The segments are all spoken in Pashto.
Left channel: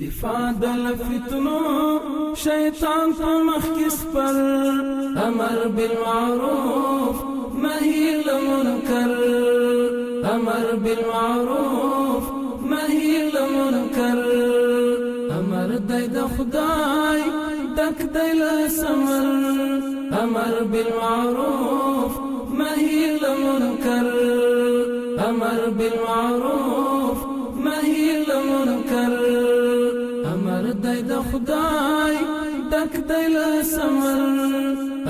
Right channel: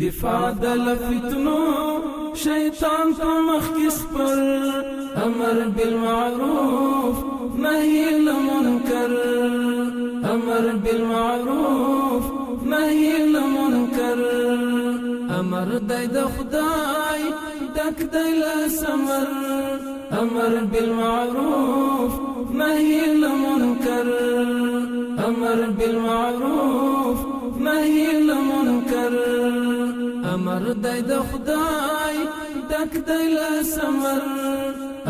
دفاع دل فتنو شیطان په مخ کې سپر امر بالمعروف نهی لمنکر امر بالمعروف نهی لمنکر امر دی د خدای دک دی له ثمر امر بالمعروف نهی لمنکر امر بالمعروف نهی لمنکر امر دی د خدای دک دی له ثمر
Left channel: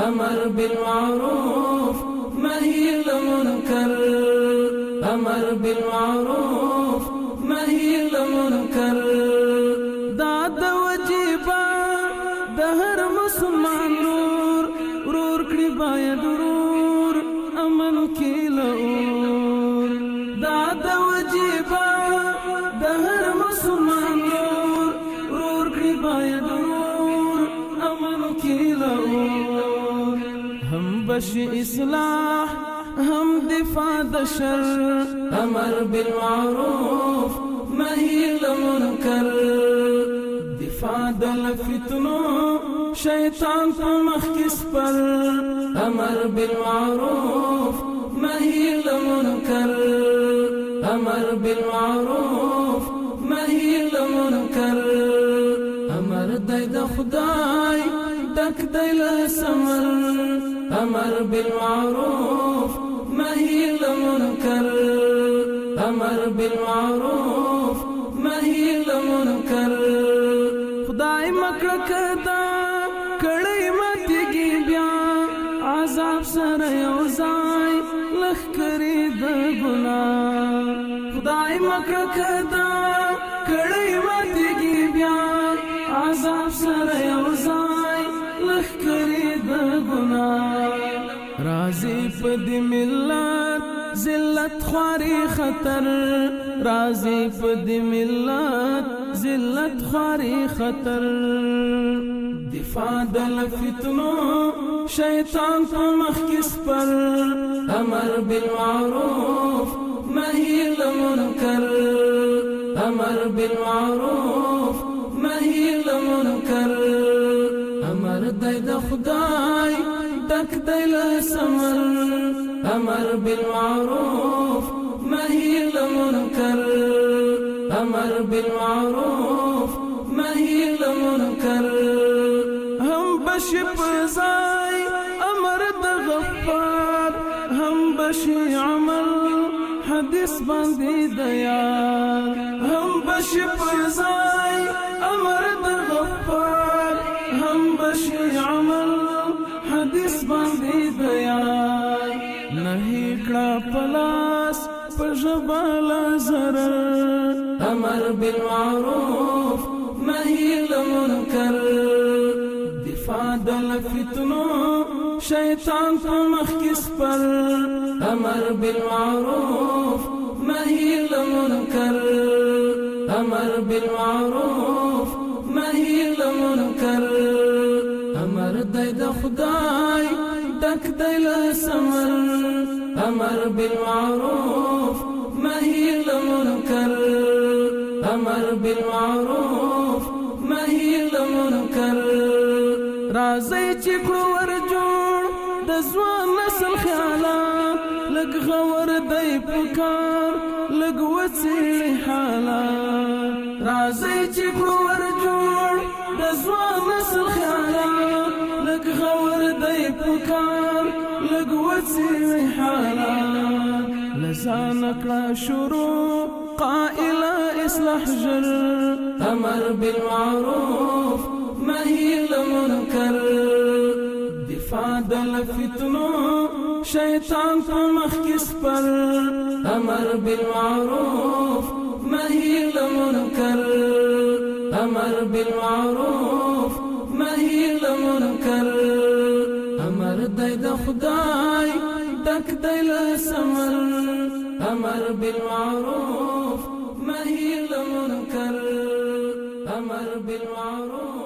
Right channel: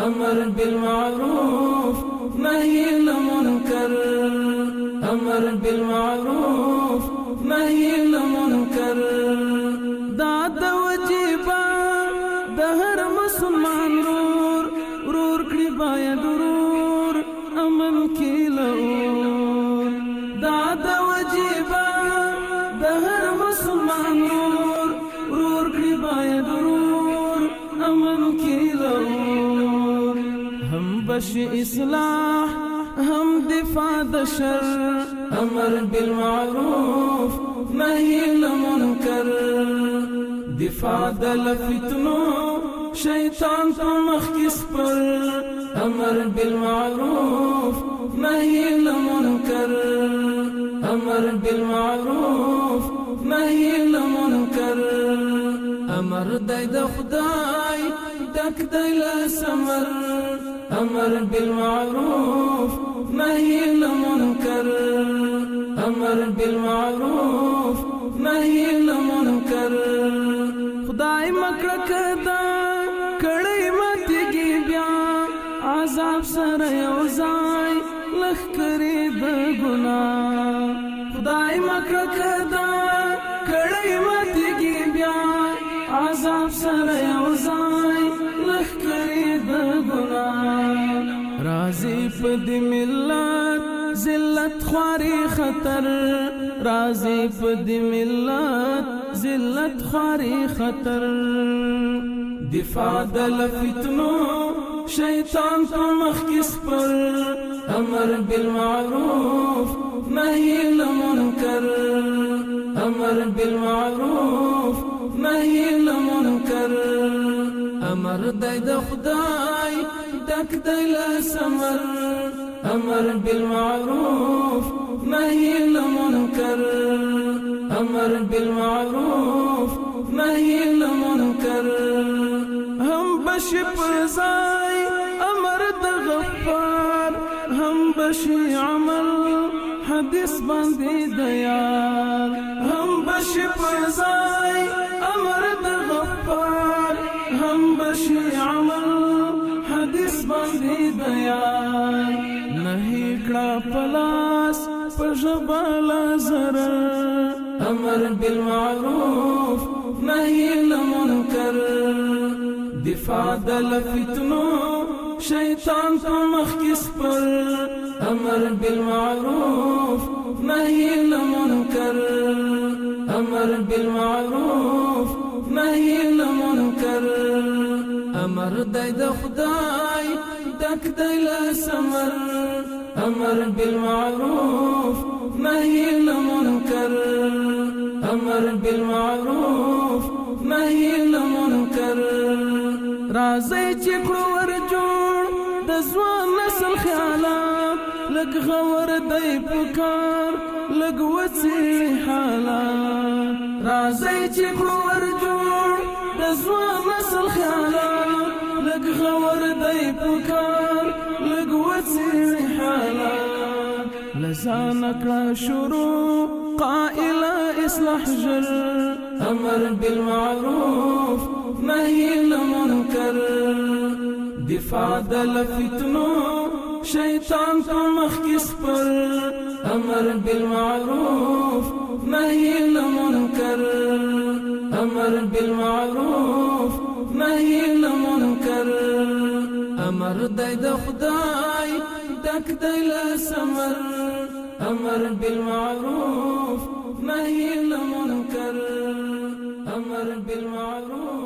امر بالمعروف نهی لمنکر امر بالمعروف نهی لمنکر دا د وجیبه د هر مسلمان رور کړي باید رور امن کې لور دا د وجیبه د هر مسلمان رور کړي باید رور امن کې لور هم بشي اصلاح هم دفاع د شر امر بالمعروف نهی لمنکر دفاع د فتنو شیطان په مخ کې سپر امر بالمعروف نهی لمنکر امر بالمعروف نهی لمنکر امر دی د خدای دک دی له ثمر امر بالمعروف نهی لمنکر امر بالمعروف نهی لمنکر خدای مکړه کدا کړي ماتېږي بیا عذاب سره یو ځای لښکرې د ګناه خدای مکړه کدا کړي ماتېږي بیا عذاب سره یو ځای لښکرې د ګناه راځي په دې ملت ذلت خواري خطر راځي په دې ملت ذلت خواري خطر دفاع دل فتنو شیطان په مخ کې سپر امر بالمعروف نهی لمنکر امر بالمعروف نهی لمنکر امر دی د خدای دک دی له ثمر امر بالمعروف نهی لمنکر امر بالمعروف نهی لمنکر هم بشي پزای امر د غفار هم بشي عمل حدیث باندې د یار هم بشي پزای امر د غفار هم بشي عمل حدیث باندې د یار نهی کړه پلاس پژبال زرر امر بالمعروف نهی لمنکر دفاع دل فتنو شیطان په مخ کې سپر امر بالمعروف نهی لمنکر امر بالمعروف نهی لمنکر امر دی د خدای دک دی له ثمر امر بالمعروف نهی لمنکر امر بالمعروف نهی لمنکر راځي چې کړو ور جوړ د ځوان نسل خیالات لږ غور دی پکار لږ وڅېړي حالات راځي چې کړو ور جوړ د ځوان نسل خیالات لږ غور دی پکار لږ وڅېړي حالات لزان کړه شروع قائل اصلاح جر امر بالمعروف نهی لمنکر دفاع دل فتنو شیطان په مخ کې سپر امر بالمعروف نهی لمنکر امر بالمعروف نهی لمنکر امر دی د خدای دک دی له ثمر امر بالمعروف نهی لمنکر امر بالمعروف